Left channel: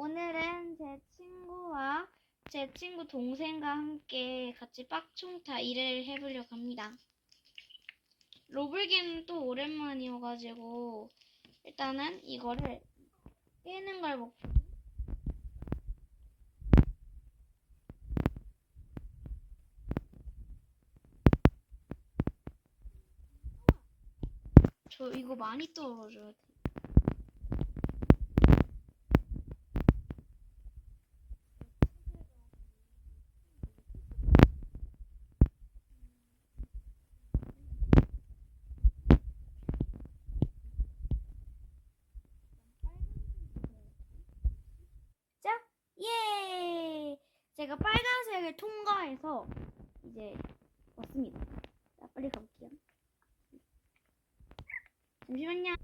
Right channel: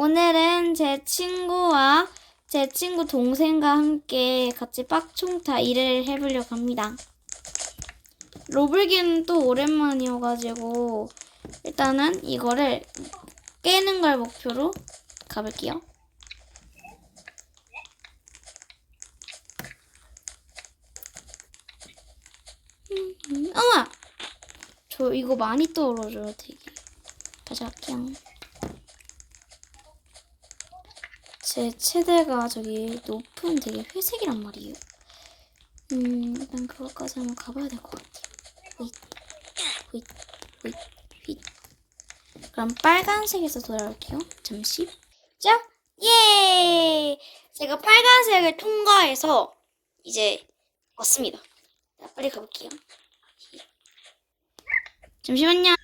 오늘은 제 친구와 제 친구 동생과 함께 같이 빡총타 일을 해보려고 합니다. 로블기는 또 오랜만이어가지고 일단은 이거를 깨는 걸 목표로 가볼게요. 음, 음, 어머! 저 이거 많이 떨어져요, 되게. 다시 할게요. 제 최대가 저기 높은 되게 회색이란 말이에요. 음, 일단 그것까지 한번 가봐야 될 것 같아요. 휘잇, 휘잇, 휘잇, 휘잇. 그럼 빨간색에서 돌아올게요. 잠시. 자, 예! 제가 빨간색을 통과해서 이제 왔습니다. 자, 빨리 가볼게요. 잠시만요.